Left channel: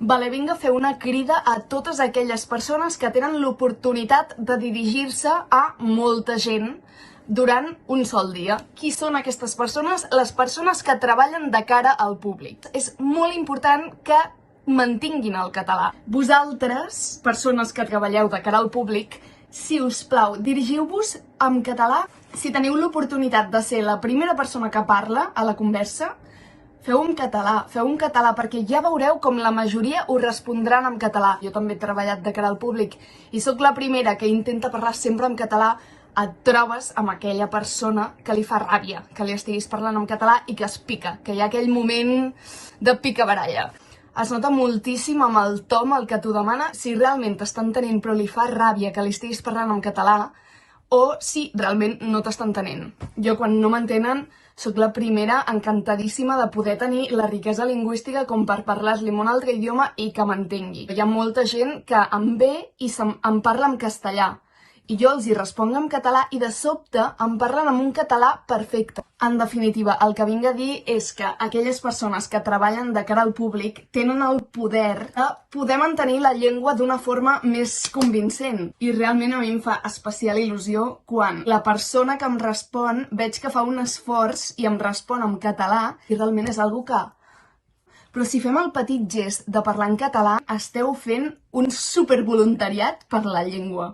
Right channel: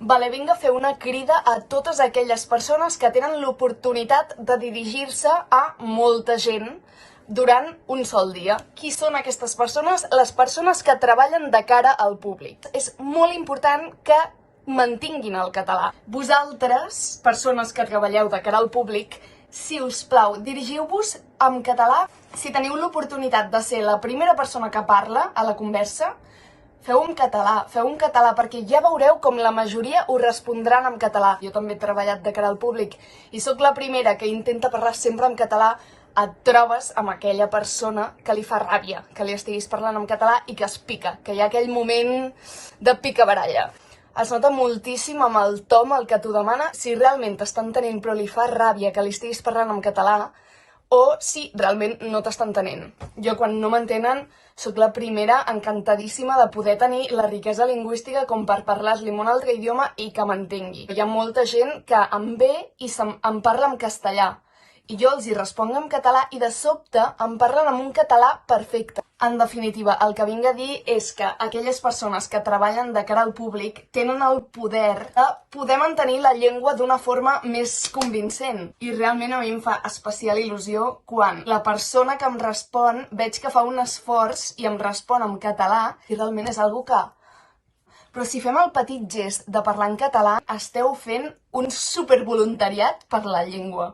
Vale, vinc a fer una crida a totes aquelles persones que tenen l'oportunitat de dirigir-se a molta gent durant un sol dia. Qui són aquestes persones? Les persones que treballen de cara al públic. És molt important que mantinguin el català. Vosaltres, persones que treballeu de cara al públic, si us plau, dirigiu-vos en català. Si teniu l'oportunitat de ser la primera persona que parla a la conversa, feu en català, perquè ja veureu com la majoria us respondran en català. Jo també he treballat de cara al públic i sóc la primera que intenta parlar sempre en català. Et trobes amb aquella persona que li fa ràbia que li estiguis parlant en català i que es pica, que hi ha aquell moment de picabaralla. Es nota moltíssim amb el to amb el que t'ho demana si realment t'està entenent però li fa ràbia que li estiguis parlant en català o si realment no t'està entenent. Jo quan no m'entenen sóc la primera encantadíssima de poder tenir la riquesa lingüística com per parlar-li en un altre idioma i que m'entengui. Hi ha molta gent que em ve i em parla en castellà i jo els hi responc en català i de sobte em parlen en un català perfecte. En definitiva, el que vinc a dir és que aquelles persones que treballen de cara al públic tenen el poder de poder mantenir la llengua d'una forma més convincent. I realment a mi em fa especial il·lusió quan la persona que em respon veig que fa un esforç i em respon en català i realment és algo que... Però si fem el petit gest de parlar en català, esteu fent un supervoluntariat per la llengua.